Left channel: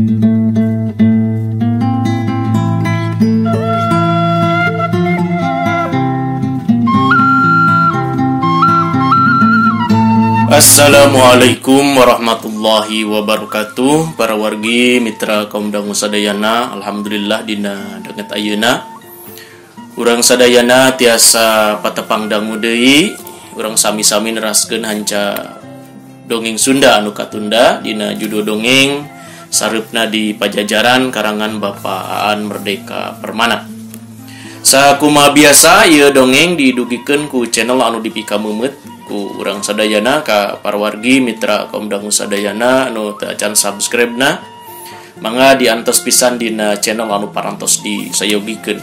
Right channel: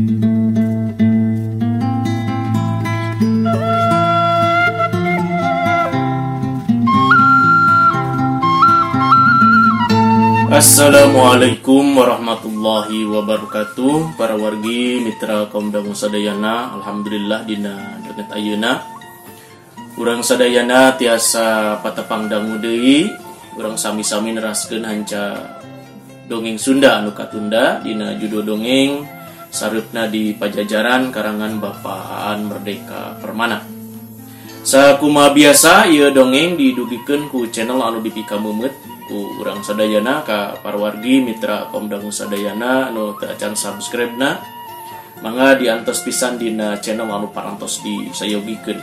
Assalamualaikum warahmatullahi wabarakatuh. Para wargi mitra kaum dangu sadayana, alhamdulillah dina denget ayeuna urang sadayana tiasa patepang dangu deui. Urang sami-sami neraskeun hanca dongeng Sunda anu katunda dina judul dongeng sareupna di Pajajaran karangan Bapak Aan Merdeka Permana. Sakumaha biasa ieu dongeng didugikeun ku channel anu dipika meumeut ku urang sadayana ka para wargi mitra kaum dangu sadayana anu teu acan subscribe na mangga diantos pisan dina channel anu parantos disayogikeun.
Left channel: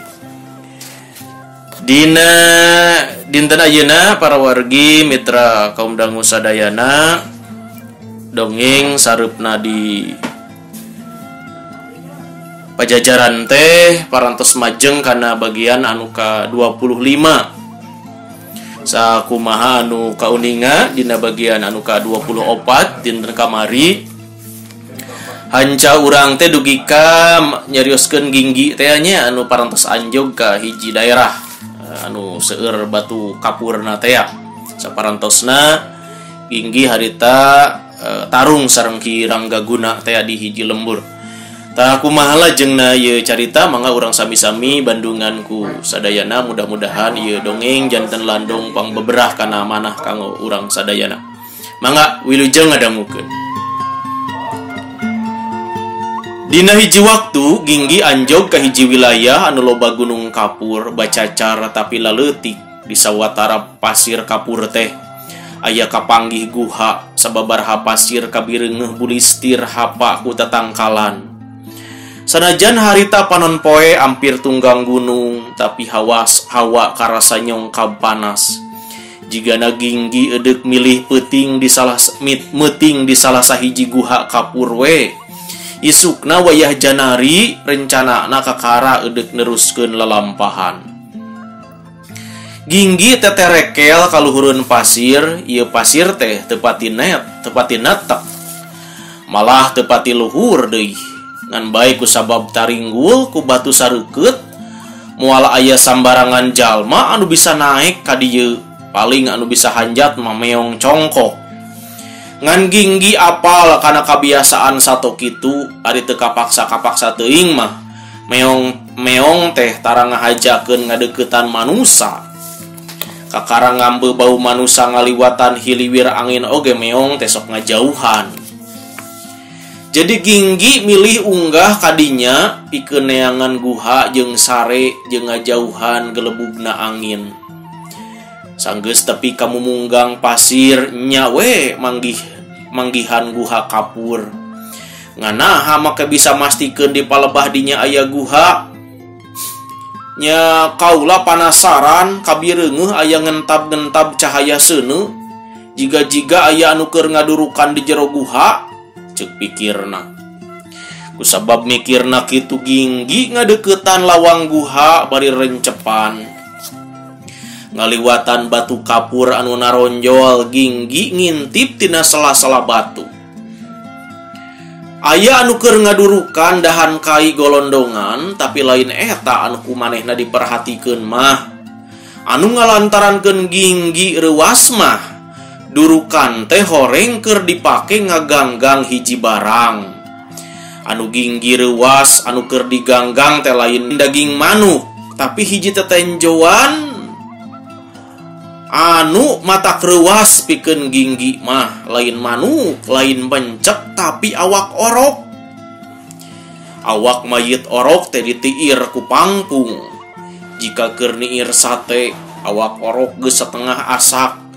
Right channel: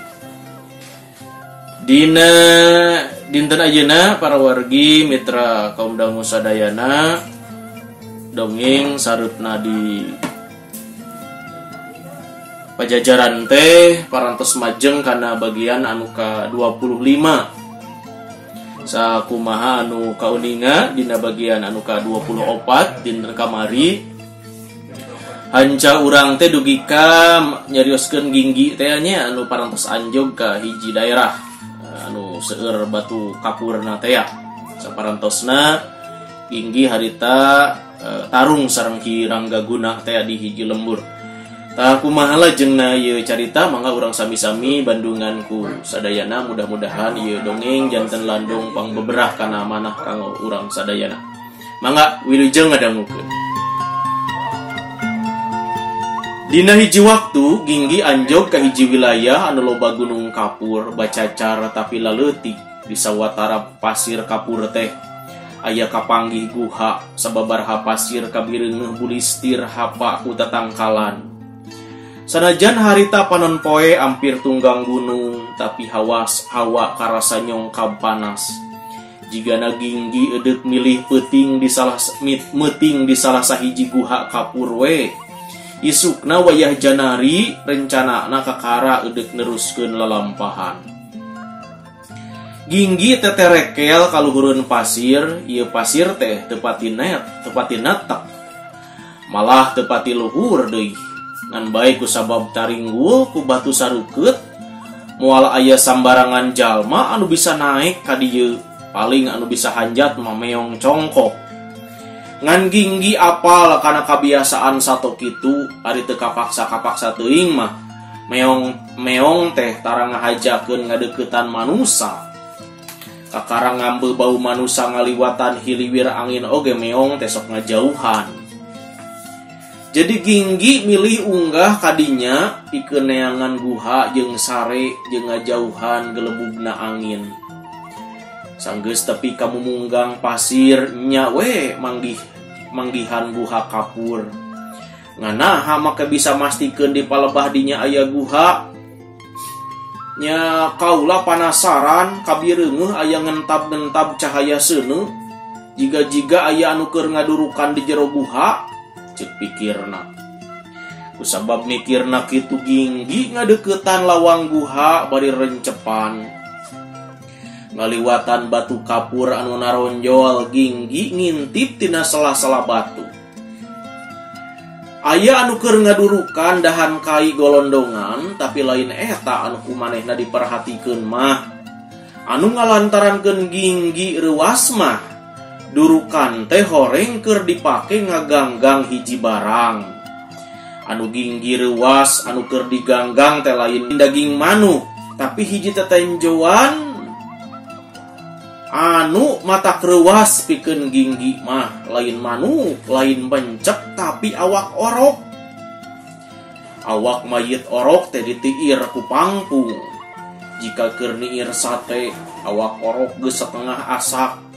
Dina dinten ayeuna para wargi mitra kaum dangu sadayana dongeng sareupna di Pajajaran teh parantos majeng kana bagian anu ka 25. Sakumaha anu kauninga dina bagian anu ka-24 dinten kamari hanca urang teh dugi ka nyarioskeun ginggi teh nya anu parantos anjog ka hiji daerah anu seueur batu kapurna teh. Saparantosna ginggi harita tarung sareng Ki Ranggaguna teh di hiji lembur. Tah kumaha jeung ieu carita mangga urang sami-sami bandunganku sadayana, mudah-mudahan ieu dongeng janten landong pangbeberah kana manah kanggo urang sadayana. Mangga wilujeng ngadangukeun. Dina hiji waktu ginggi anjog ka hiji wilayah anu loba gunung kapur bacacar tapi laleutik di sawatara pasir kapur teh aya kapanggih guha sababaraha pasir kabireungeuh bulistir hapa ku tatangkalan. Sanajan harita panon poe ampir tunggang gunung, tapi hawa karasa nyongkab panas. Jigana ginggi edek milih meting di salah sahiji guha kapur we. Isukna wayah janari rencanana kakara edek neruskeun lalampahan. Ginggi teterekel kaluhureun pasir, ieu pasir teh teu pati netek. Malah teu pati luhur deui. Ngan baik ku sabab taringgul ku batu sareukeut moal aya sambarangan jalma anu bisa naik ka dieu, paling anu bisa hanjat mah meong congkok. Ngan ginggi apal kana kabiasaan sato kitu ari teu kapaksa teuing mah meong teh tara ngahajakeun ngadeuketan manusa. Kakara ngambe bau manusa ngaliwatan hiliwir angin oge meong teh sok ngajauhan. Jadi ginggi milih unggah kadinya pikeun neangan guha jeung sare jeung ngajauhan gelebugna angin. Sanggeus tepi ka mumunggang pasir nya we manggihan guha kapur. Nganaha make bisa mastikeun di palebah dinya aya guha. Nya kaula panasaran kabireungeuh aya ngentab-ngentab cahaya seuneu jiga-jiga aya anu keur ngadurukan di jero guha. Cek pikirna. Kusabab mikirna kitu ginggi ngadeuketan lawang guha bari rencepan. Ngaliwatan batu kapur anu naronjol ginggi ngintip tina sela-sela batu. Aya anu keur ngadurukan dahan kai golondongan tapi lain eta anu kumanehna diperhatikeun mah. Anu ngalantarankeun ginggi reuas mah durukan teh horeng keur dipake ngaganggang hiji barang. Anu ginggi reuas anu keur diganggang teh lain daging manuk, tapi hiji tetenjoan anu mata reuas pikeun ginggi mah lain manuk, lain bencek tapi awak orok. Awak mayit orok teh ditiir ku pangpung. Jika keur niir sate, awak orok geus setengah asak.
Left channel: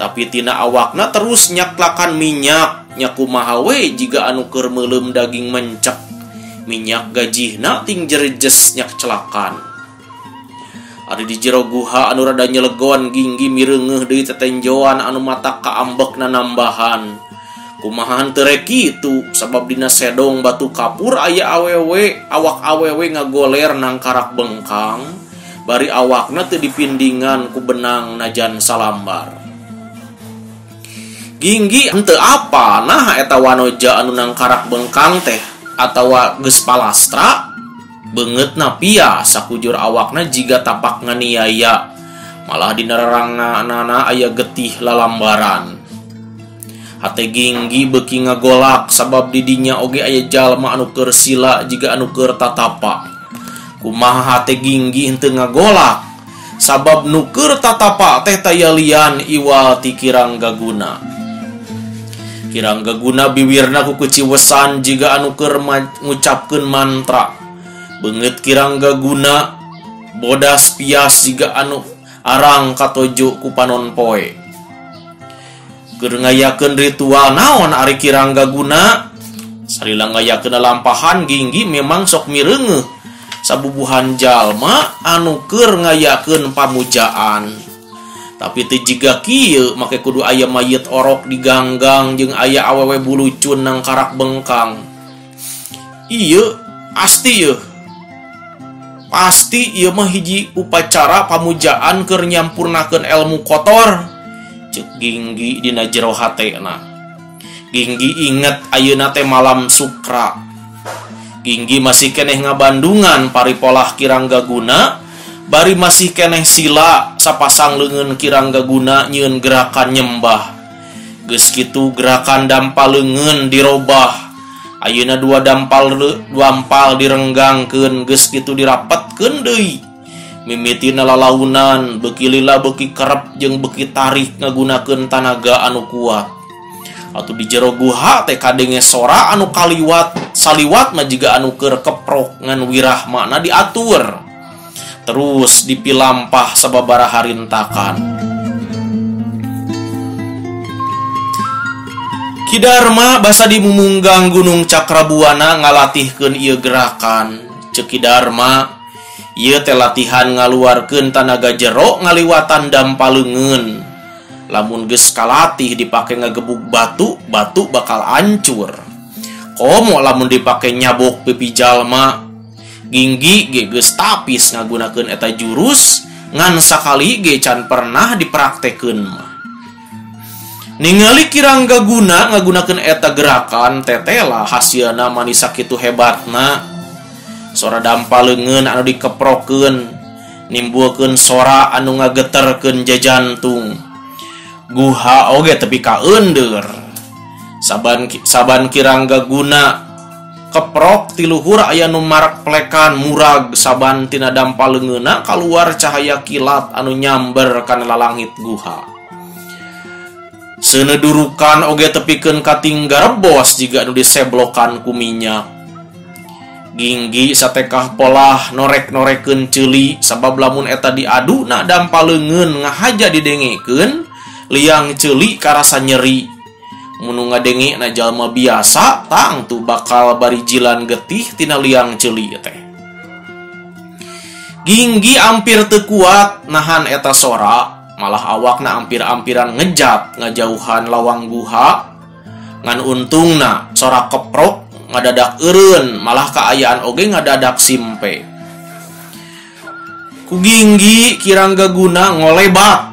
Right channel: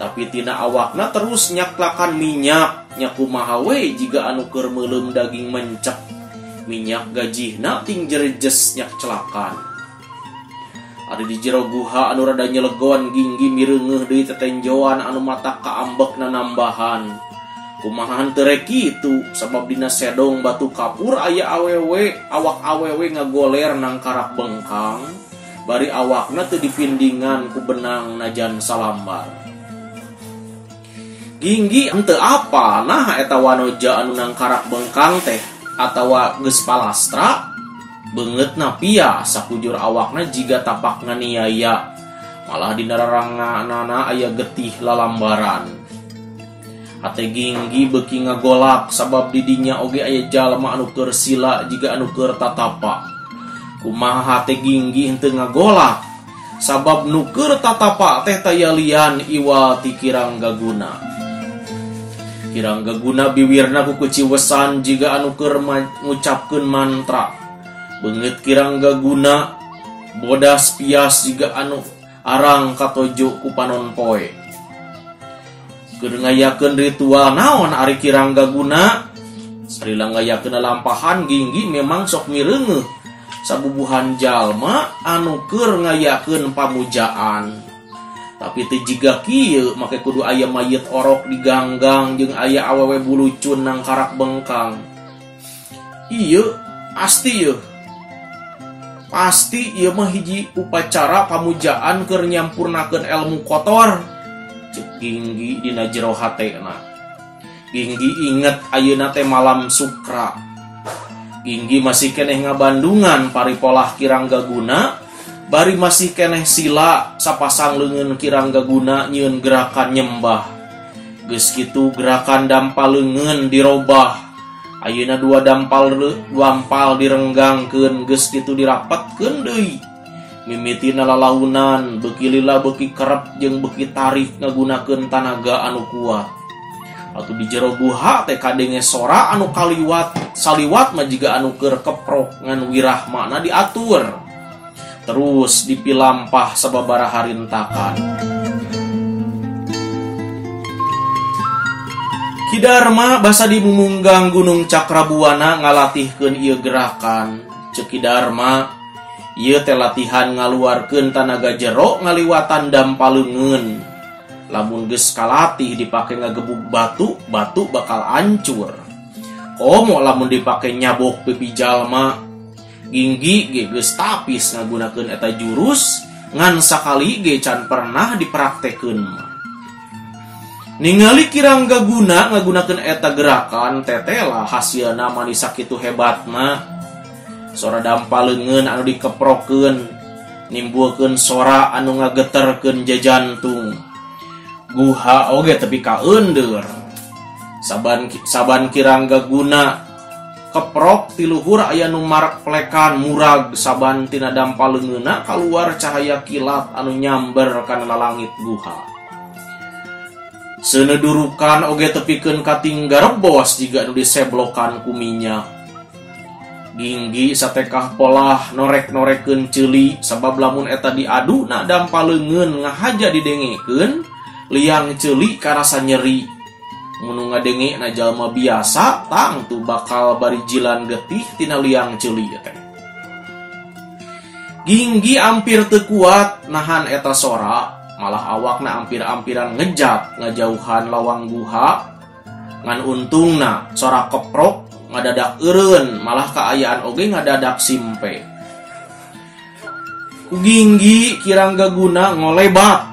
Tapi tina awakna terus nyaklakan minyak nyakumaha we jiga anu keur meuleum daging mencek. Minyak gajihna ting jerejes nyak celakan. Ari di jero guha anu rada nyelegon ginggi mireungeuh deui tetenjoan anu mata kaambekna nambahan. Kumahan teu rek kitu sabab dina sedong batu kapur aya awak awewe ngagoler nang karak bengkang. Bari awakna teu dipindingan ku benang najan salambar. Ginggi henteu apa nah eta wanoja anu nang karak bengkang teh atawa geus palastra beungeutna pia sakujur awakna jiga tapak nganiaya, malah dina rarangana aya getih lalambaran. Hate Ginggi beuki ngagolak sabab didinya oge aya jalma anu keur sila jiga anu keur tatapa. Kumaha hate Ginggi henteu ngagolak sabab nu keur tatapa teh tayalian iwal ti Kiranggaguna. Kiranggaguna biwirna ku kuciwesan jiga anu keur ngucapkeun mantra. Beungeut Kiranggaguna bodas pias jiga anu arang katojo ku panon poe. Keur ngayakeun ritual naon ari Kiranggaguna? Sarila ngayakeun lampahan Ginggi memang sok mireungeuh sabubuhan jalma anu keur ngayakeun pamujaan. Tapi teu jiga kieu make kudu aya mayit orok di ganggang jeung aya awewe bulucun nang karak bengkang. Ieu asti yeuh. Pasti ieu mah hiji upacara pamujaan keur nyampurnakeun elmu kotor, ceuk Ginggi dina jero hatena. Ginggi inget ayeuna teh malam sukra. Ginggi masih keneh ngabandungan paripolah Kiranggaguna, bari masih keneh sila sapasang leungeun Kiranggaguna nyieun gerakan nyembah. Geus kitu gerakan dampal leungeun dirobah. Ayeuna dua dampal direnggangkeun, geus kitu dirapetkeun deui. Mimitina lalaunan, beuki lila beuki kerep jeung beuki tarik ngagunakeun tanaga anu kuat. Atuh di jero guha teh kadenge sora anu saliwat mah jiga anu keur keprok ngan wirahmana diatur. Terus dipilampah sababaraha rintakan. Ki Darma basa dimumunggang Gunung Cakrabuana ngalatihkeun ieu gerakan. Ceuk Ki Darma, ieu teh latihan ngaluarkeun tanaga jero ngaliwatan dampal leungeun. Lamun geus kalatih dipake ngagebug batu, batu bakal hancur. Komo lamun dipake nyabok pipi jalma. Ginggi ge geus tapis ngagunakeun eta jurus ngan sakali ge can pernah dipraktekeun. Ningali Kiranggaguna ngagunakeun eta gerakan tetela hasilna manis sakitu hebatna. Sora dampal leungeun anu dikeprokeun nimbulkeun sora anu ngageterkeun jajantung. Guha oge tepi ka eundeur. Saban Kiranggaguna keprok ti luhur aya nu mareplekan murag saban tina dampal leungeunna kaluar cahaya kilat anu nyamber kana lalangit guha. Senedurukan oge tepikeun kating garebos jiga anu diseblokan ku minyak. Ginggi satekah polah norek-norekeun ceuli sabab lamun eta diaduna dampal leungeun ngahaja didengekeun liang ceuli karasa nyeri. Mun ngadengena jalma biasa tangtu bakal barijilan getih tina liang ceuli teh. Ginggi ampir teu kuat nahan eta sora, malah awakna ampir-ampiran ngejat ngajauhan lawang guha. Ngan untungna sora keprok ngadadak eureun, malah kaayaan oge ngadadak simpe. Ku Ginggi Kiranggaguna ngolebat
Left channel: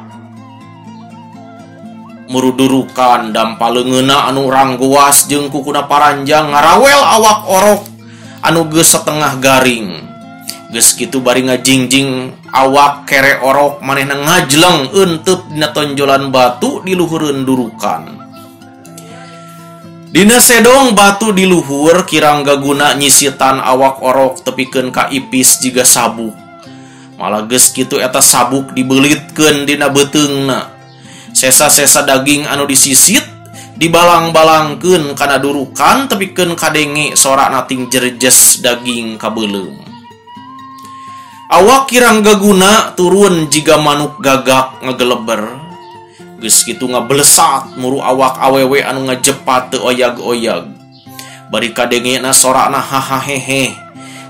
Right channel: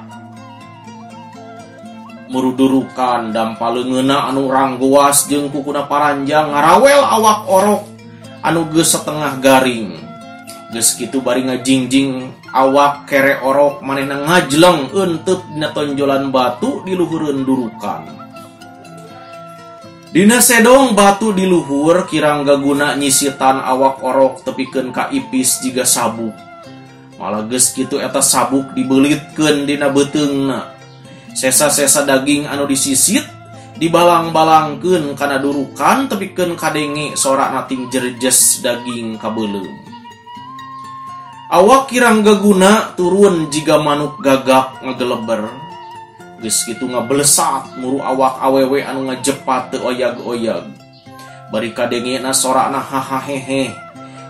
murudurukan dampal leungeunna anu ranggoas jeung kukuna paranjang ngarawel awak orok anu geus setengah garing. Geus kitu bari ngajingjing awak kere orok manehna ngajleng eunteup dina tonjolan batu di luhureun durukan. Dina sedong batu di luhur Kiranggaguna nyisitan awak orok tepikeun ka ipis jiga sabuk. Malah geus kitu eta sabuk dibeulitkeun dina beuteungna. Sesa-sesa daging anu disisit dibalang-balangkeun kana durukan tepikeun kadenge sora nating jerjes daging kabeulem. Awak Kiranggaguna turun jiga manuk gagak ngageleber. Geus kitu ngablesat muru awak awewe anu ngajepat teu oyag-oyag. Bari kadengena sorana hahahehe.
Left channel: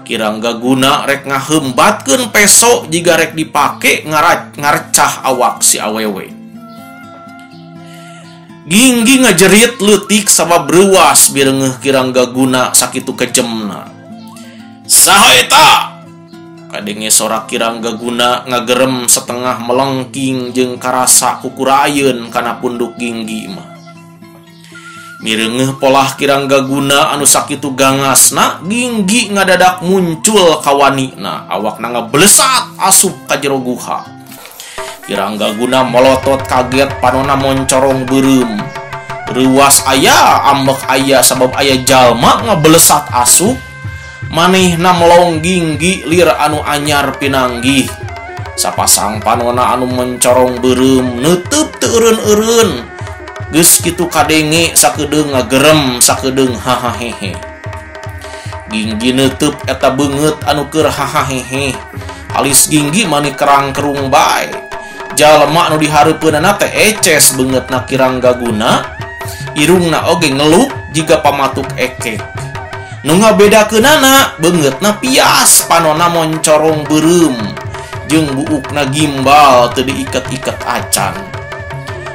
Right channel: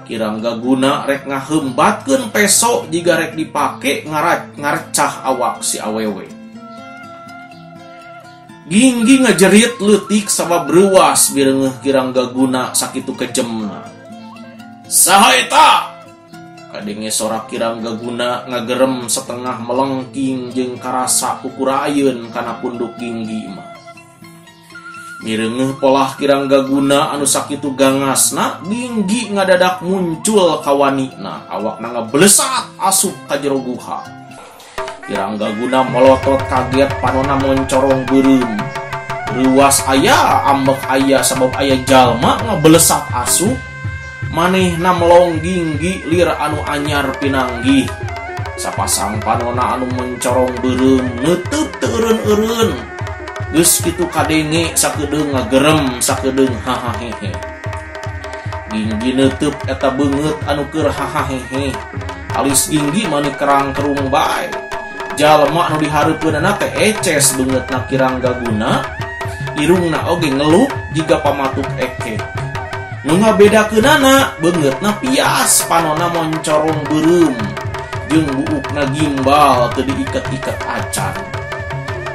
Kiranggaguna rek ngaheumbatkeun peso jiga rek dipake ngarecah awak si awewe. Ginggi ngajerit leutik sabab reuwas bireungeuh Kiranggaguna sakitu kejemna. Saha eta? Kadenge sora Kiranggaguna ngagerem setengah melengking jeung karasa kukurayeun kana punduk Ginggi mah. Mirengeh polah Kiranggaguna anu sakitu gangasna, Ginggi ngadadak muncul kawanina, awakna ngablesat asup ka jero guha. Kiranggaguna melotot kaget panonna moncorong beureum. Riwas aya, ambek aya sabab aya jalma ngablesat asup. Manehna melong Ginggi lir anu anyar pinanggih. Sapasang panonna anu mencorong beureum neuteub teu eureun-eureun. Geus kitu kadenge sakedeung ngagerem sakedeung hahahehe. Ginggi neuteub eta beungeut anu keur hahahehe. Alis Ginggi mani kerang-kerung bae. Jalma anu dihareupeunana teh eces beungeutna Kiranggaguna. Irungna oge ngeluk jiga pamatuk ekek. Nu ngabedakeunana beungeutna pias panonna moncorong beureum jeung buukna gimbal teu diiket-iket acan.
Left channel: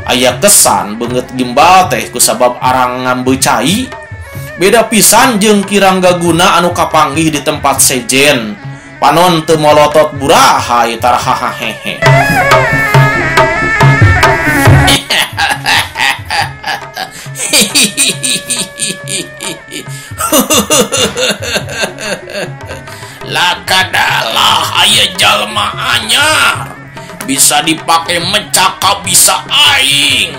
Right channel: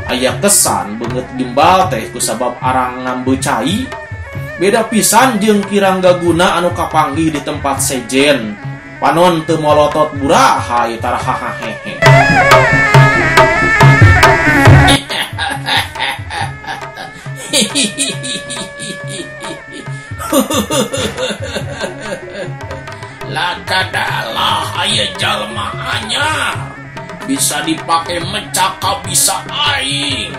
Aya kesan beungeut gimbal teh kusabab arang ngambeucai. Beda pisan jeung Kiranggaguna anu kapanggih di tempat sejen. Panon teu molotot buraha tara hahahehe. Lakadalah aya jalma anyar bisa dipake mecaka bisa aing.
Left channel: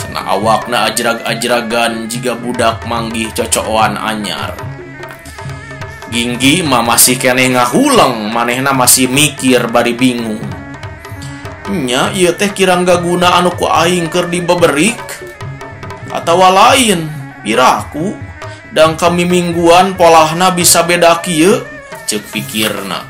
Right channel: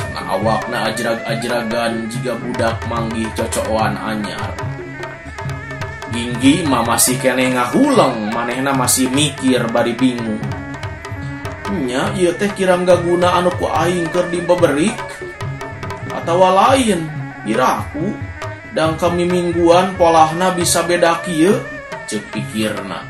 Cenah awakna ajrag-ajragan jiga budak manggih cocokan anyar. Ginggi mah masih kene ngahuleng, manehna masih mikir bari bingung. Nya ieu teh Kiranggaguna anu ku aing keur dibeberik atawa lain piraku dan kami mingguan polahna bisa beda kieu ceuk pikirna.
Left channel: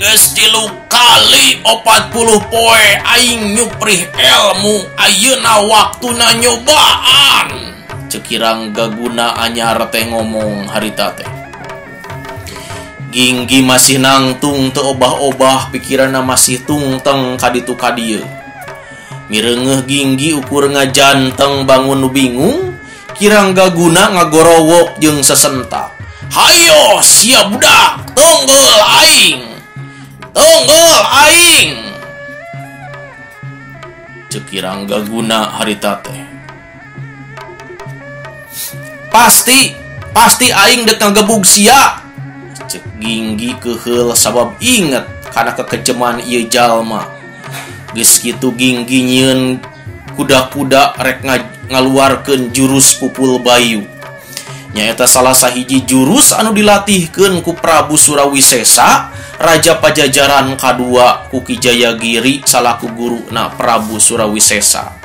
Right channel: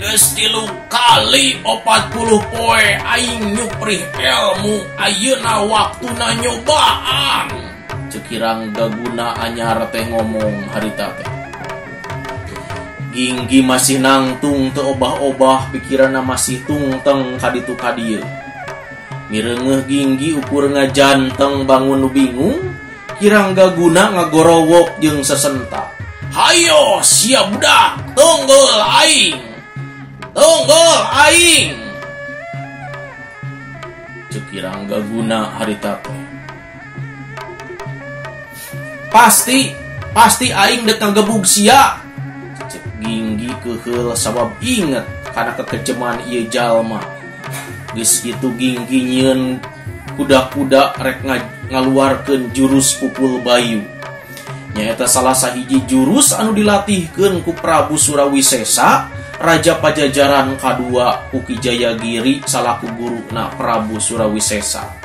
Geus 3 kali 40 poe aing nyuprih ilmu, ayeuna waktuna nyobaan. Ceuk Kiranggaguna anyar teh ngomong harita teh. Ginggi masih nangtung teu obah-obah, pikiranna masih tungteng kaditu kadieu. Mirengeh Ginggi ukur ngajanteng bangun nu bingung, Kiranggaguna ngagorowok jeung sesentak. Hayo sia budak, tunggul aing. Tunggul aing. Ceuk Kiranggaguna harita teh. Pasti aing dek ngagebug sia. Cek Ginggi keheul sabab inget kana kekejeman ieu jalma. Geus kitu Ginggi nyieun kuda-kuda rek ngaluarkeun jurus pupul bayu. Nyaeta salah sahiji jurus anu dilatihkeun ku Prabu Surawisesa, Raja Pajajaran kadua ku Ki Jayagiri salaku guruna Prabu Surawisesa.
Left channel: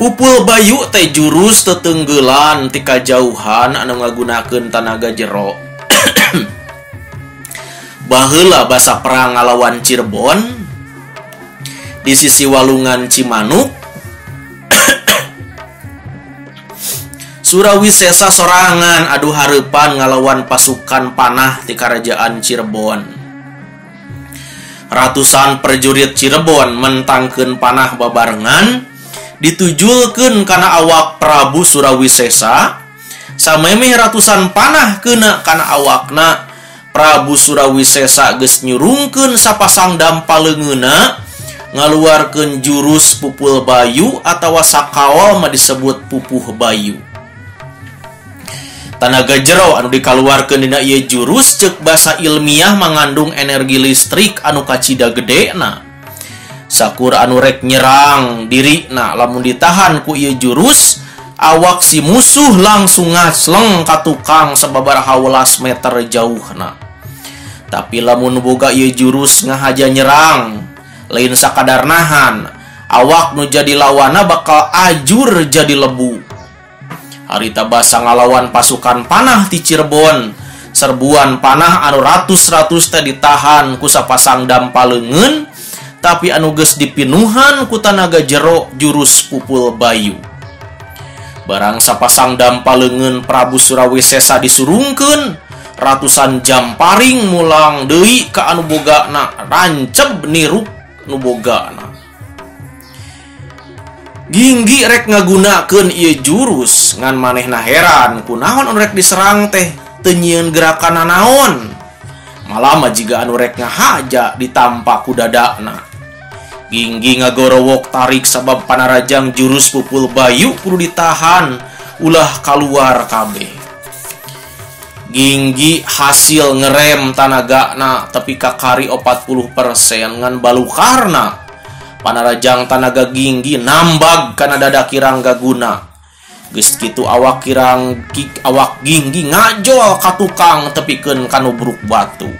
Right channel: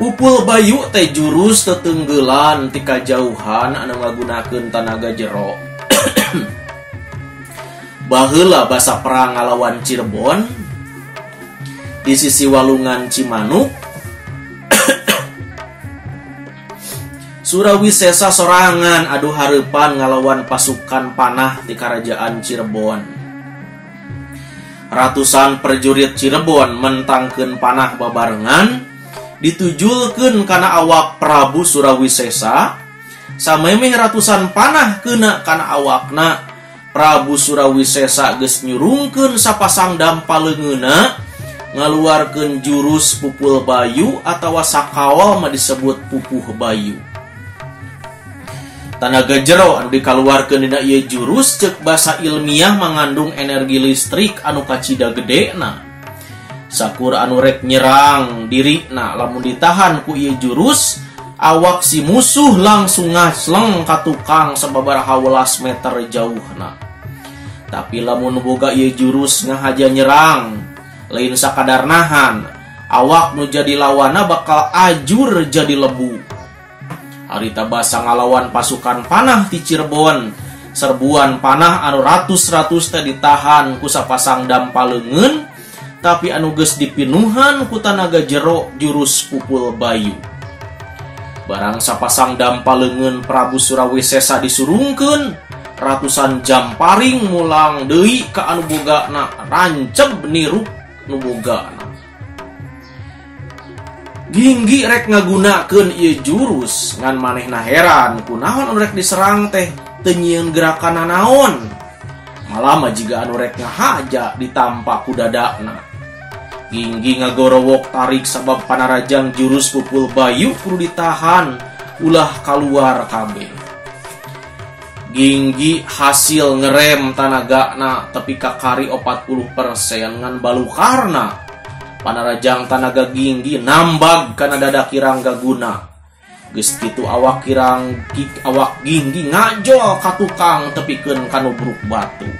Pupul bayu teh jurus teteunggelan ti kajauhan anu ngagunakeun tanaga jero. Baheula basa perang ngalawan Cirebon di sisi walungan Cimanuk. Surawisesa sorangan adu hareupan ngalawan pasukan panah ti karajaan Cirebon. Ratusan prajurit Cirebon mentangkeun panah babarengan ditujulkeun kana awak Prabu Surawisesa. Samemeh ratusan panah keuna kana awakna. Prabu Surawisesa geus nyurungkeun sapasang dampaleungeuna ngaluarkeun jurus pupul bayu atawa sakawal mah disebut pupuh bayu. Tanaga jero anu dikaluarkeun dina ieu jurus ceuk basa ilmiah mangandung energi listrik anu kacida gedena. Sakur anu rek nyerang dirina lamun ditahan ku ieu jurus, awak si musuh langsung ngasleng ka tukang sababaraha welas meter jauhna. Tapi lamun boga ieu jurus ngahaja nyerang, lain sakadar nahan, awak nu jadi lawana bakal ajur jadi lebu. Harita basa ngalawan pasukan panah ti Cirebon, serbuan panah anu ratus-ratus teh ditahan ku sapasang dampaleungeun, tapi anu geus dipinuhan ku tanaga jero jurus pupul bayu. Barang sapasang dampaleungeun Prabu Surawisesa disurungkeun, ratusan jamparing mulang deui ka anu bogana ranceb nirup nu bogana. Ginggi rek ngagunakeun ieu jurus ngan manehna heran kunaon anu rek diserang teh teu nyieun gerakan nanaon. malah majiga anu rek ngahaja ditampak ku dadakna. Ginggi ngagorowok tarik sabab panarajang jurus pupul bayu kudu ditahan ulah keluar kabeh. Ginggi hasil ngerem tanagana tapi kakari 40% ngan balukarna. Panarajang tanaga Ginggi nambag kana dada Kirangga Guna. Geus kitu awak Ginggi ngajol ka tukang tepikeun kanu bruk batu.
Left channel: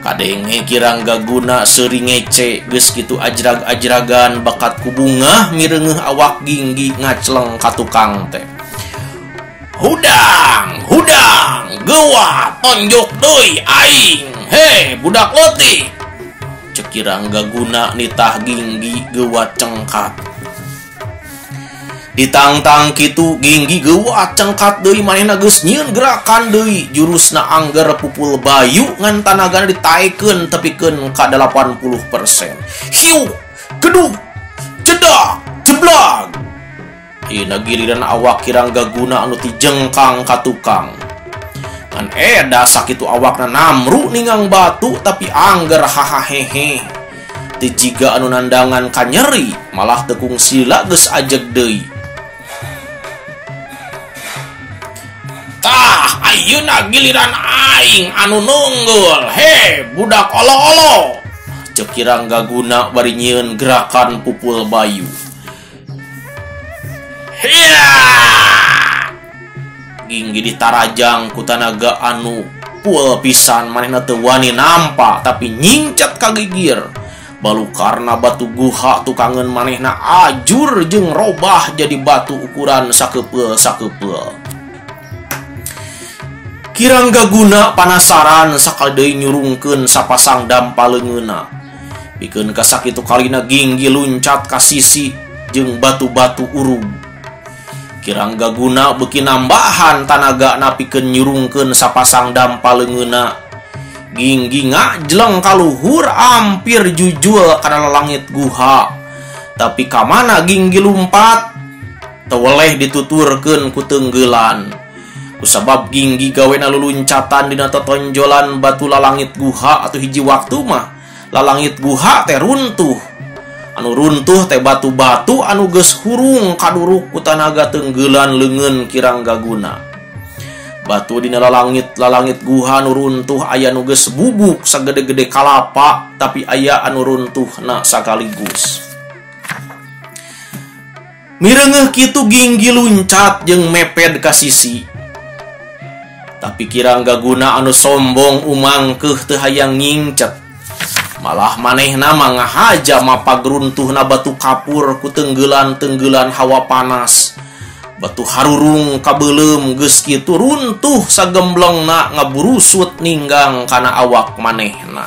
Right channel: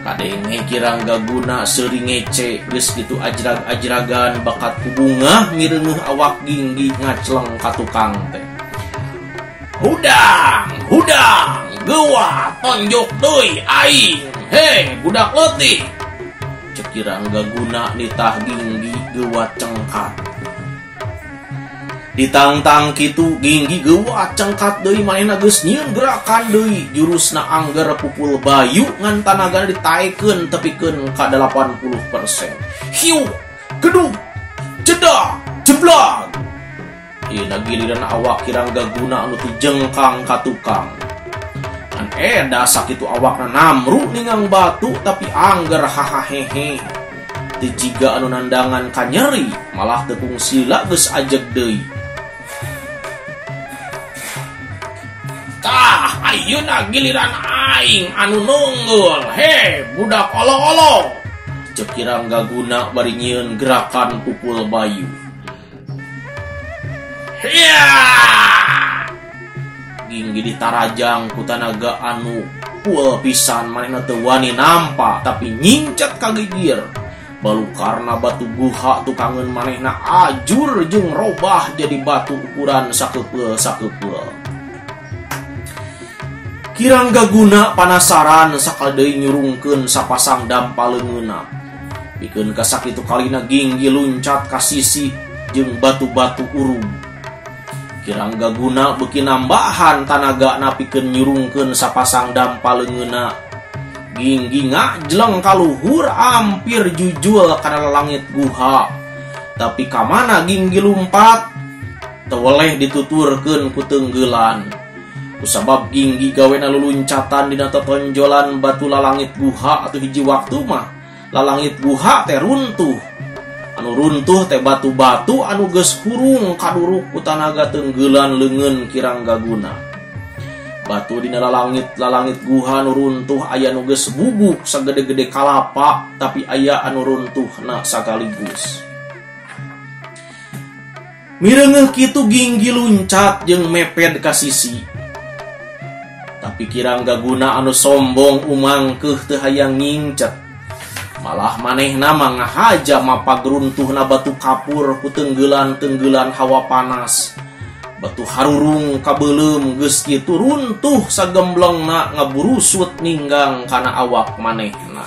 Kadenge Kirangga Guna seuring ngece geus kitu ajrag-ajragan bakat ku bunga mireungeuh awak Ginggi ngacleng ka tukang teh. Hudang geua tonjok deui aing. He budak leutik. Cek Kirangga Guna nitah Ginggi geua cengkat. Ditangtang kitu Ginggi geua cengkat deui manehna geus nyieun gerakan deui jurusna angger pupul bayu ngan tanagana ditaekeun tepikeun ka 80%. Hiu, gedug, jedak, jeblag. Ieu giliran awak Kirangga Guna anu ti jengkang ka tukang. Kan sakitu awakna namru ningang batu tapi angger hahahehe. Teu jiga anu nandangan ka nyeri, malah teu sila geus ajeg deui. Ayeuna giliran aing anu nunggul. He budak olo-olo. Cek Kirangga Guna bari nyieun gerakan pupul bayu. Hiya! Ginggi ditarajang ku tanaga anu pul pisan manehna teu wani nampa tapi nyingcat ka gigir. Balukarna batu guha tukangeun manehna ajur jeung robah jadi batu ukuran sakepeul. Kirangga Guna panasaran sakal deui nyurungkeun sapasang dampaleungeuna. Pikeun kasakitu kalina Ginggi luncat ka sisi jeung batu-batu urug. Kirangga Guna beuki nambahan tanagana pikeun nyurungkeun sapasang dampaleungeuna. Ginggi ngajleng ka luhur hampir jujul kana langit guha. Tapi ka mana Ginggi lumpat? Teu weleh dituturkeun ku teunggelan. Kusabab Ginggi gawena luluncatan dina totonjolan batu lalangit guha atau hiji waktu mah lalangit guha teh runtuh. Anu runtuh teh batu-batu anu geus hurung kaduruk ku tanaga teunggelan leungeun Kirangga Guna. Batu dina lalangit guha anu runtuh aya nu geus bubuk sagede-gede kalapa tapi aya anu runtuhna sakaligus. Mireungeuh kitu Ginggi luncat jeung meped ka sisi. Tapi Kirangga Guna anu sombong umangkeuh teu hayang ngingcet. Malah manehna mangahaja mapag runtuhna batu kapur ku teunggelan-teunggelan hawa panas. Batu harurung kabeulem geus kitu runtuh sagemblengna ngaburusut ninggang kana awak manehna.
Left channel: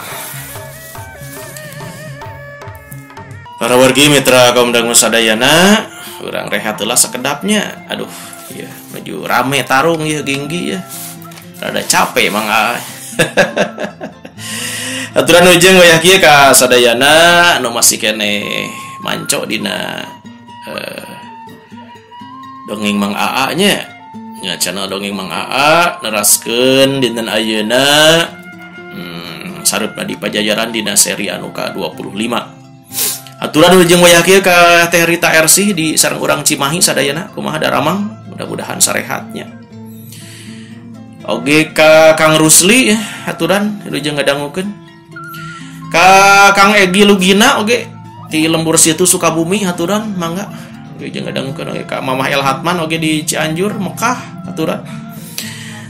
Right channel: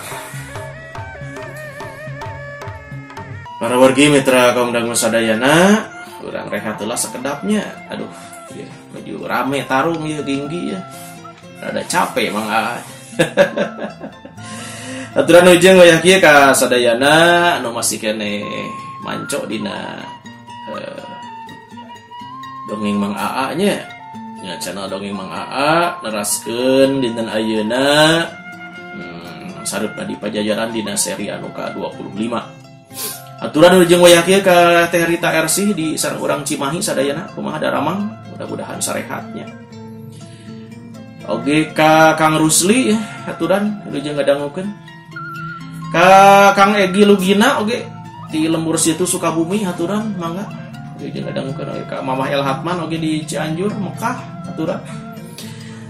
Para wargi mitra kaum dangu sadayana, urang rehat heula sakedapnya. Aduh, ya baju rame tarung ya Ginggi ya. Rada capek mangga. Aturan ujung wayah kieu ka sadayana anu masih kene manco dina dongeng Mang Aa nya. Nya channel dongeng Mang Aa neraskeun dinten ayeuna sareupna di pajajaran dina seri anu ka-25. Aturan ujung wayah kieu ka Teh Rita RC di sareng urang Cimahi sadayana kumaha daramang mudah-mudahan sarehatnya. Oge ka Kang Rusli aturan ujung ngadangukeun. Ka Kang Egi Lugina oge ti Lembur Situ Sukabumi aturan mangga. Oge jeung ngadangukeun oge ka Mamah El Hatman oge di Cianjur Mekah aturan.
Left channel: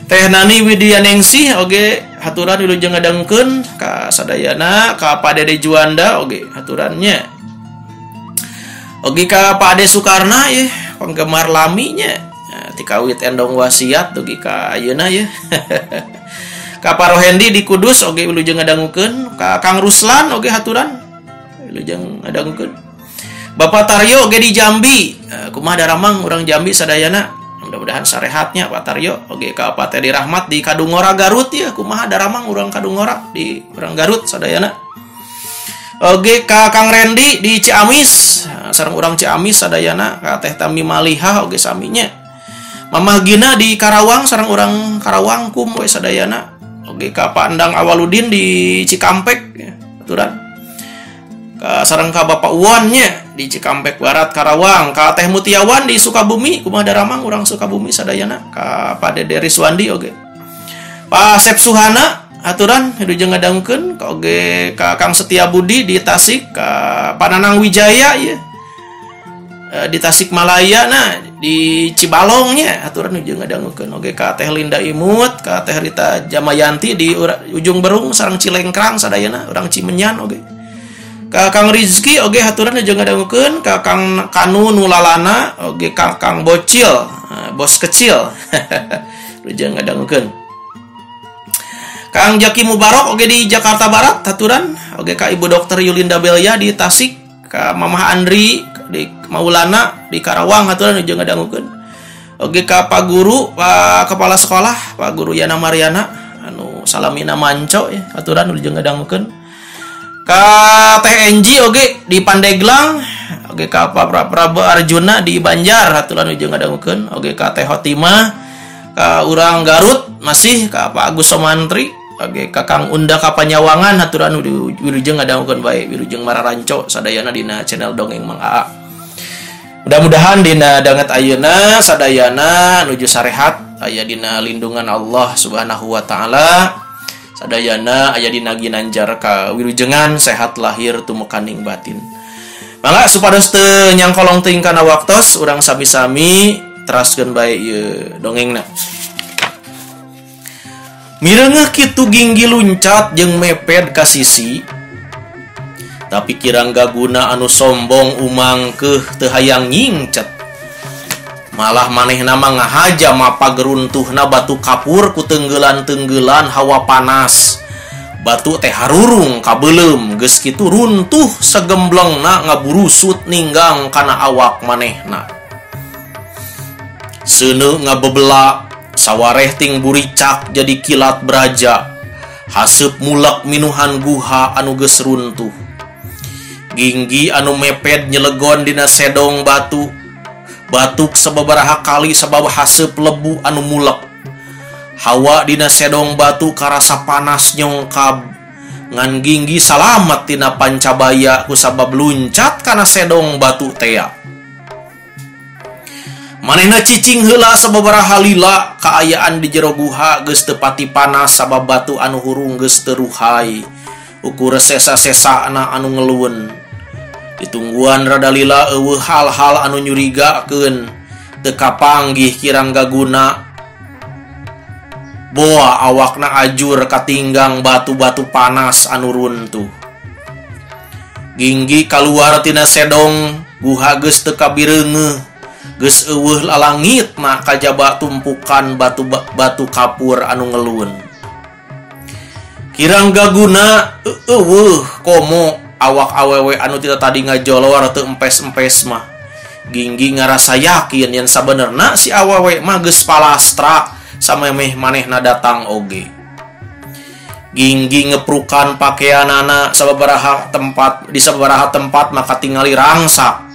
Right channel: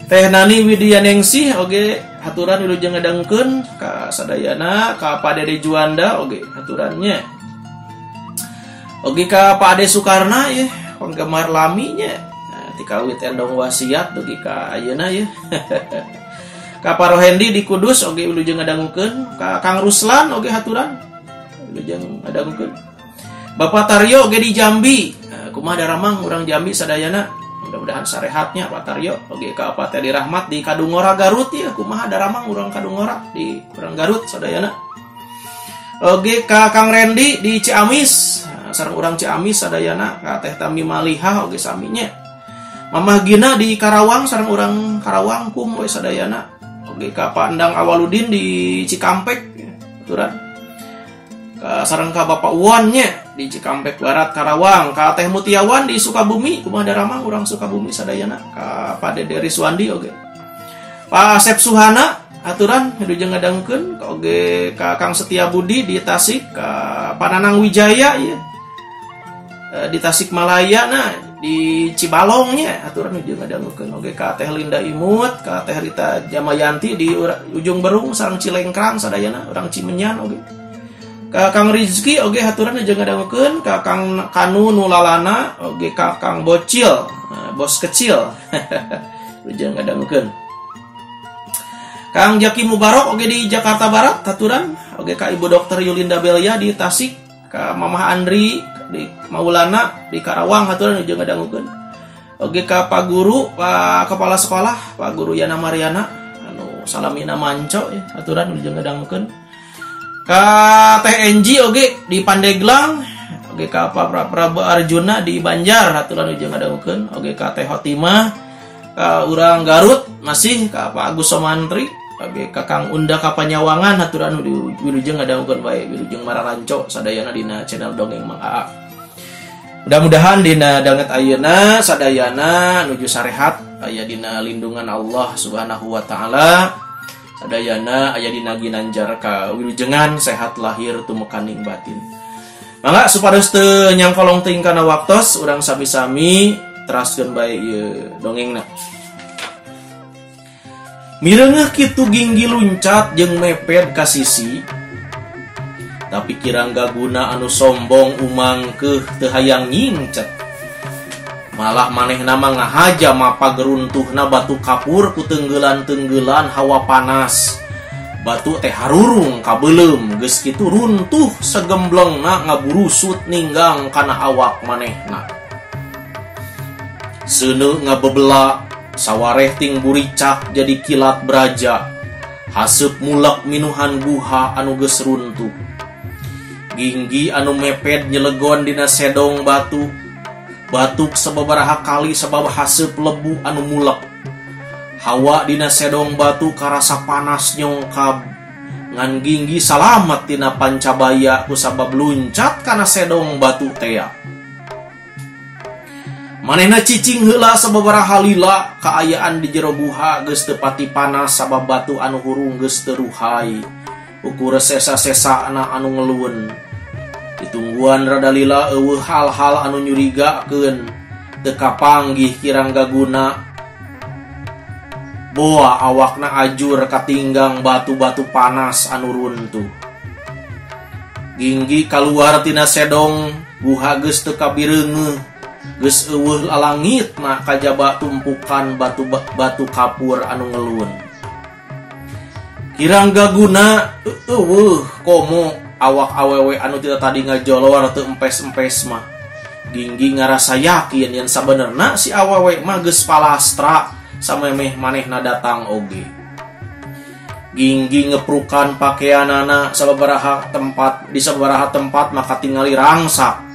Teh Nani Widyaningsih oge aturan ujung ngadangukeun ka sadayana ka Pak Dede Juanda oge aturannya. Oge ka Pak Ade Sukarna ya penggemar laminya. Tikawit endong wasiat dugi ka ayeuna ya. Ka Parohendi di Kudus oge wilujeng ngadangukeun, ka Kang Ruslan oge haturan wilujeng ngadangukeun. Bapak Taryo oge di Jambi, kumaha daramang urang Jambi sadayana. Mudah-mudahan sarehatnya Pak Taryo oge ka Pak Tedi Rahmat di Kadungora Garut ya, kumaha daramang urang Kadungora di urang Garut sadayana. Oge ka Kang Rendi di Ciamis, sareng urang Ciamis sadayana, ka Teh Tami Malihah oge saminya. Mamah Gina di Karawang, sareng orang Karawang kum we sadayana. Oge ka Pandang Awaludin di Cikampek ya, aturan. Ka sareng ka Bapak Uwan nya di Cikampek Barat Karawang, ka Teh Mutiawan di Sukabumi, kumaha Daramang urang Sukabumi sadayana, ka Pak Dede Riswandi oge. Pak Sep Suhana aturan hidujeng ngadangkeun, ka oge ka Kang Setia Budi di Tasik, ka Pananang Wijaya ya. Di Tasikmalaya nah di Cibalongnya aturan ujung ngadangkeun oge ka Teh Linda Imut, ka Teh Rita Jamayanti di ujung Berung sareng Cilengkrang sadayana urang Cimenyan oge. Ka Kang Rizki oge aturan ujung ngadangkeun, ka Kang Kanu Nulalana oge ka Kang Bocil, bos kecil. Ujung ngadangkeun. Kang Jaki Mubarok oge di Jakarta Barat aturan oge ka Ibu Dokter Yulinda Belia di Tasik, ka Mamah Andri di Maulana di Karawang aturan ujung ngadangkeun. Oge ka Pak Guru, Pak Kepala Sekolah, Pak Guru Yana Mariana anu salamina manco ya aturan ujung ngadangkeun. Ka Teh Enji oge di Pandeglang, oge ka Pak Prabu Arjuna di Banjar aturan ujung ngadangkeun. Oge ka Teh Hotimah, ka urang Garut masih ka Pak Agus Somantri, oge ka Kang Unda Kapanyawangan aturan wilujeng ngadangkeun bae, wilujeng mararanco sadayana dina channel Dongeng Mang Aa. Mudah-mudahan dina danget ayeuna sadayana nuju sarehat aya dina lindungan Allah Subhanahu wa taala. Sadayana aya dina ginanjar ka wilujengan sehat lahir tumukaning batin. Mangga supados teu nyangkolong teuing kana waktos urang sami-sami teraskeun bae ieu dongengna. Mireungeuh kitu Ginggi luncat jeung meped ka sisi. Tapi kirang gaguna anu sombong umangkeuh teu hayang nyingcet. Malah manehna mah ngahaja mapa geruntuhna batu kapur ku tenggeulan-tenggeulan hawa panas. Batu teh harurung kabeulem geus kitu runtuh segemblengna ngaburusut ninggang kana awak manehna. Seuneu ngabebela sawareh ting buricak jadi kilat beraja. Haseup mulak minuhan guha anu geus runtuh. Ginggi anu meped nyelegon dina sedong batu. Batuk sababaraha kali sabab haseup lebu anu mulek. Hawa dina sedong batu karasa panas nyongkab. Ngan Ginggi salamet tina pancabaya kusabab luncat kana sedong batu tea. Manehna cicing heula sababaraha lila kaayaan di jero guha geus teu pati panas sabab batu anu hurung geus teu ruhai. Ukur sesa-sesana anu ngeluwen. Ditungguan rada lila eueuh hal-hal anu nyurigakeun teu kapanggih kirang gaguna. Boa awakna ajur katinggang batu-batu panas anu runtuh. Ginggi kaluar tina sedong guha geus teu kabireungeuh. Geus eueuh lalangitna kajaba tumpukan batu kapur anu ngeluwen. Kirang gaguna eueuh komo awak awewe anu tidak tadi ngajolor atau empes-empes mah. Ginggi ngarasa yakin yang sabenerna si awewe mah geus palastra samemeh manehna datang oge. Ginggi ngeprukan pakaianana sababaraha tempat di sababaraha tempat maka tingali rangsak.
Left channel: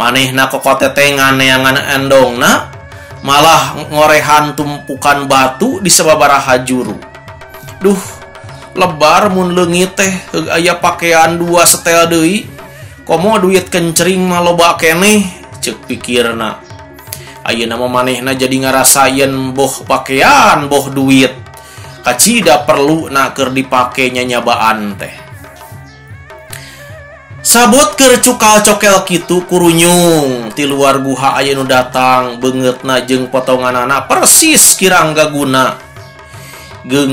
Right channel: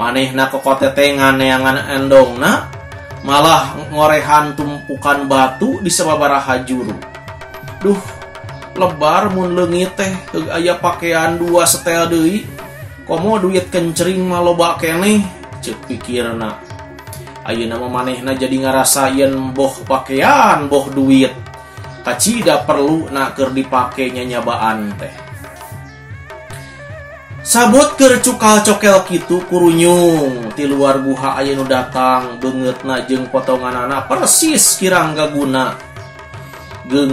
Manehna kokotetengan neangan endongna malah ngorehan tumpukan batu di sababaraha juru. Duh, lebar mun leungit teh aya pakaian dua setel deui. Komo duit kencering mah loba keneh ceuk pikirna. Ayeuna mah manehna jadi ngarasayeun boh pakaian boh duit. Kacida perlu na keur dipake nyanyabaan teh. Sabot keur cukal cokel kitu kurunyung ti luar guha aya nu datang beungeutna jeung potonganana persis kirang gaguna.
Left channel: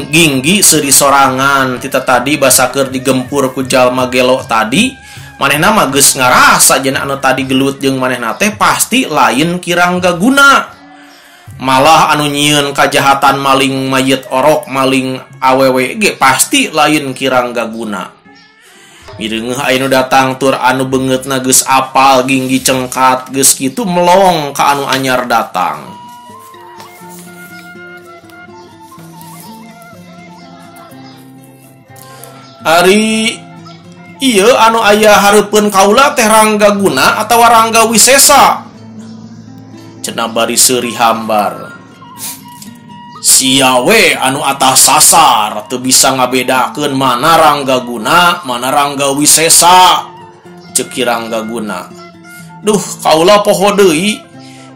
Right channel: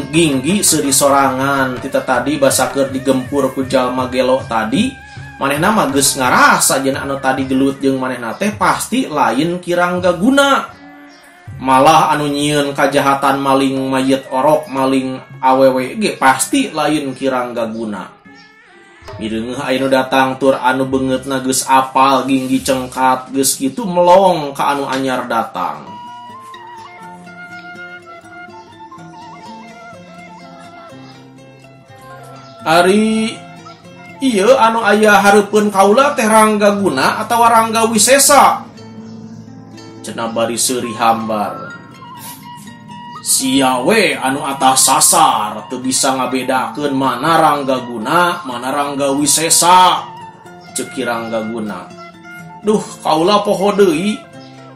Ginggi seuri sorangan tita tadi basa keur digempur ku jalma gelo tadi manehna mah geus ngarasa jeung anu tadi gelut jeung manehna teh pasti lain kirang gaguna. Malah anu nyieun kajahatan maling mayit orok maling awewe ge pasti lain kirang gaguna. Mireungeuh aya nu datang tur anu beungeutna geus apal Ginggi cengkat geus kitu melong ka anu anyar datang. Ari ieu anu aya hareupeun kaula teh Rangga Guna atawa Rangga Wisesa? cenah bari seuri hambar. Sia we anu atas sasar teu bisa ngabedakeun mana Ranggaguna mana Rangga Wisesa, ceuk Ranggaguna. Duh kaula poho deui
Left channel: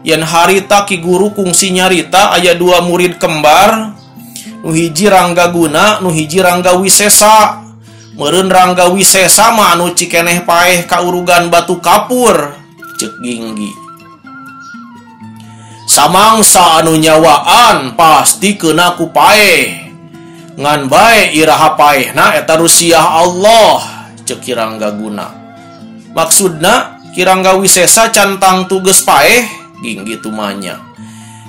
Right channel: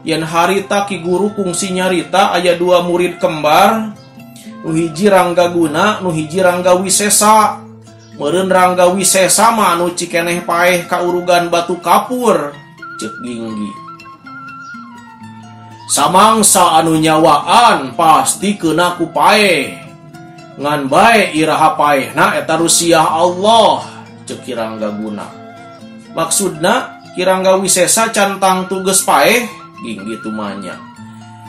yen harita Ki Guru kungsi nyarita aya 2 murid kembar, nu hiji Ranggaguna nu hiji Rangga Wisesa. Meureun Rangga Wisesa mah anu cikeneh paeh kaurugan batu kapur, ceuk Ginggi. Samangsa anu nyawaan pasti kena ku paeh, ngan bae iraha paehna eta rusiah Allah, ceuk Ranggaguna. Maksudna Ki Rangga Wisesa cantang tu geus paeh, Ginggi tumanya.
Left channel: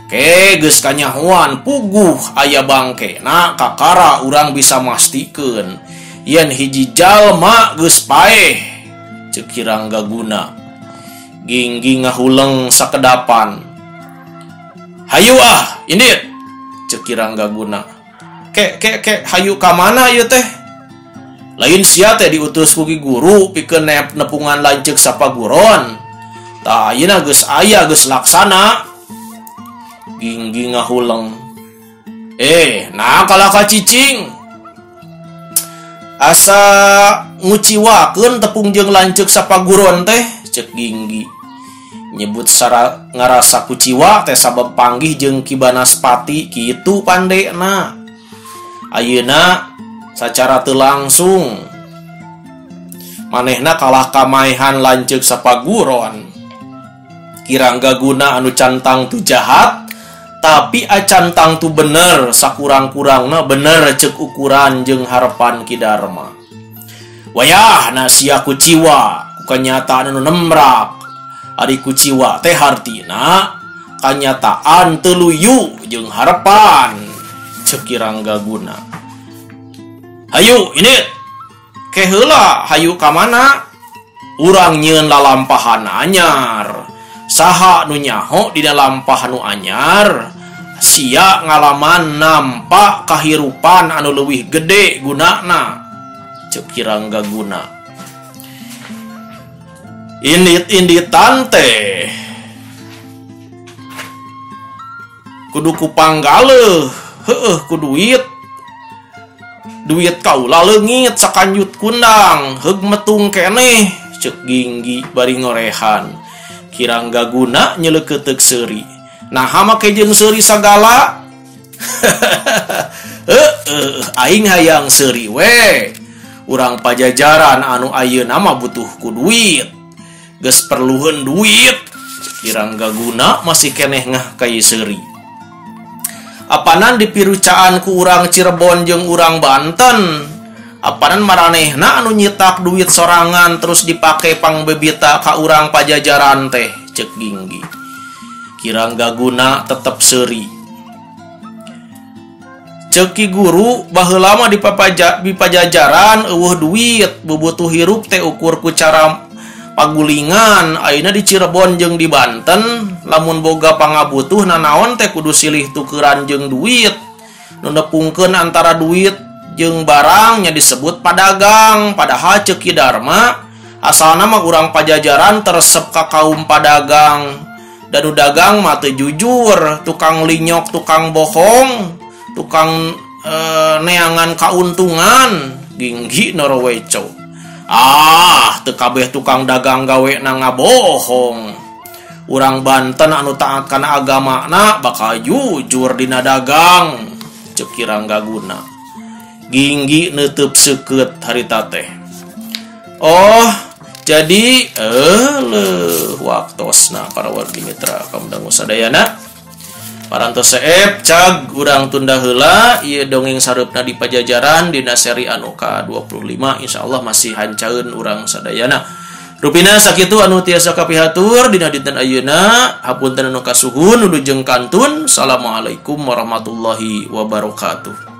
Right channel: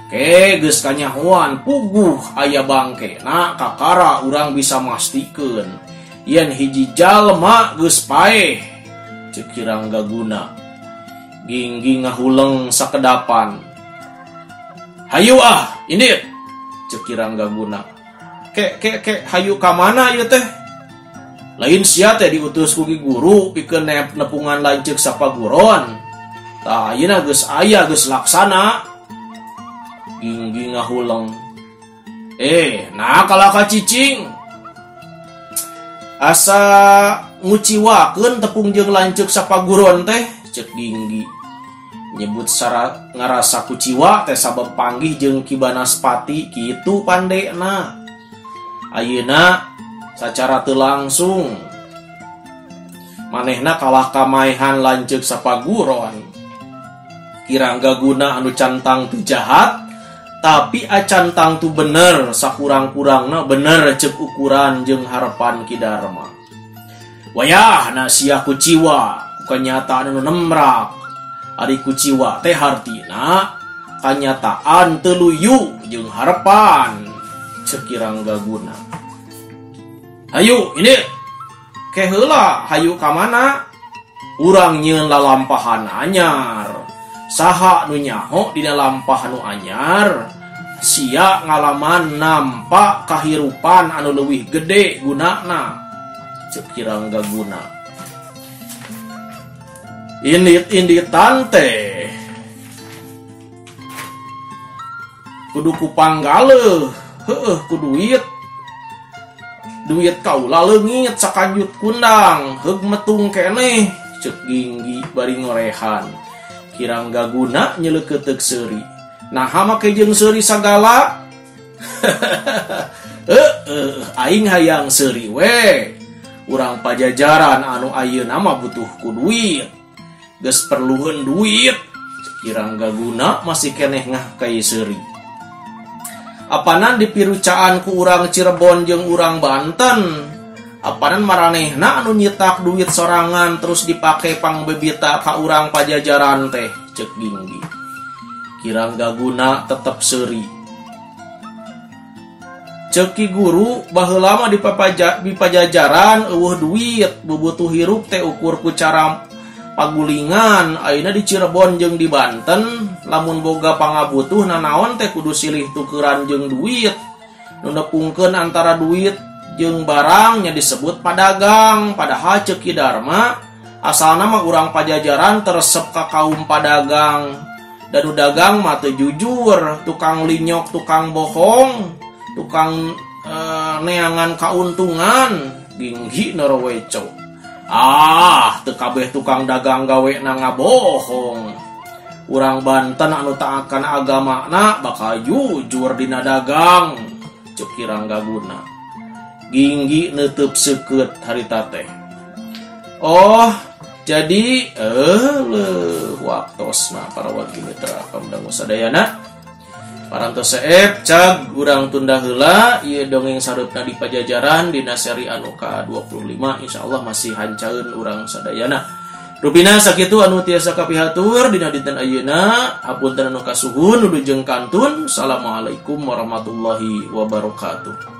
Ke geus kanyahoan puguh aya bangkena kakara urang bisa mastikeun yen hiji jalma geus paeh, ceuk Ranggaguna. Ginggi ngahuleng sakedapan. Hayu indit, ceuk Ranggaguna. Ke hayu ka mana ieu teh? Lain sia teh diutus ku Ki Guru pikeun nepungan lanceuk sapaguron. Tah ayeuna geus aya geus laksana. Ginggi ngahuleng. Nah kalaka cicing. Asa nguciwakeun tepung jeung lanceuk sapaguron teh, ceuk Ginggi. Nyebut ngarasa kuciwa teh sabab panggih jeung Ki Banaspati kitu pandena. Ayeuna sacara teu langsung manehna kalah kamaehan lanceuk sapaguron. Ki Ranggaguna anu cantang tu jahat tapi acantang tu bener, sakurang-kurangna bener ceuk ukuran jeung harepan Ki Darma. Wayahna sia kuciwa ku kanyataan anu nemrak. Ari kuciwa teh hartina kanyataan teu luyu jeung harepan, ceuk Ranggaguna. Hayu indit, ke heula hayu ka mana? Urang nyieun lalampahan anyar. Saha nu nyaho dina lampah nu anyar? Sia ngalaman nampak kahirupan anu leuwih gede gunana, ceuk Ranggaguna. Indit-inditan teh kudu ku panggaleun, ku duit kaula leungit sakanjut kundang, heug metung keneh, ceuk Ginggi bari ngorehan. Ki Ranggaguna nyeleukeuteuh seuri. Naha make jeung seuri sagala? Aing hayang seuri we. Urang Pajajaran anu ayeuna mah butuh ku duit. Geus perluheun duit, Ki Ranggaguna masih keneh ngah ka ieu seuri. Apanan dipirucaan ku urang Cirebon jeung urang Banten, apanan maranehna anu nyitak duit sorangan terus dipake pangbebita ka urang Pajajaran teh, ceuk Ginggi. Ki Ranggaguna tetep seuri. Ceuk Ki Guru baheula mah di Pajajaran eueuh duit, bubutuh hirup teh ukur ku cara pagulingan. Ayeuna di Cirebon jeung di Banten lamun boga pangabutuh nanaon teh kudu silih tukeran jeung duit. Nu nepungkeun antara duit jeung barang nya disebut padagang. Padahal ceuk Ki Darma asalna mah urang Pajajaran teresep ka kaum padagang. Dan dagang mah teu jujur, tukang linyok, tukang bohong, tukang neangan kauntungan. Ginggi noroweco. Teu kabeh tukang dagang gawe na ngabohong. Urang Banten anu taat kana agamana bakal jujur dina dagang, ceuk Ranggaguna. Ginggi neuteub seukeut harita teh. Jadi waktosna para wargi mitra kamdangu sadayana. Parantos seep cag urang tunda heula ieu dongeng sareupna di Pajajaran dina seri anu ka-25 insyaallah masih hancaeun urang sadayana. Rupina sakitu anu tiasa kapihatur dina dinten ayeuna, hapunten anu kasuhun nuju jeung kantun. Assalamualaikum warahmatullahi wabarakatuh.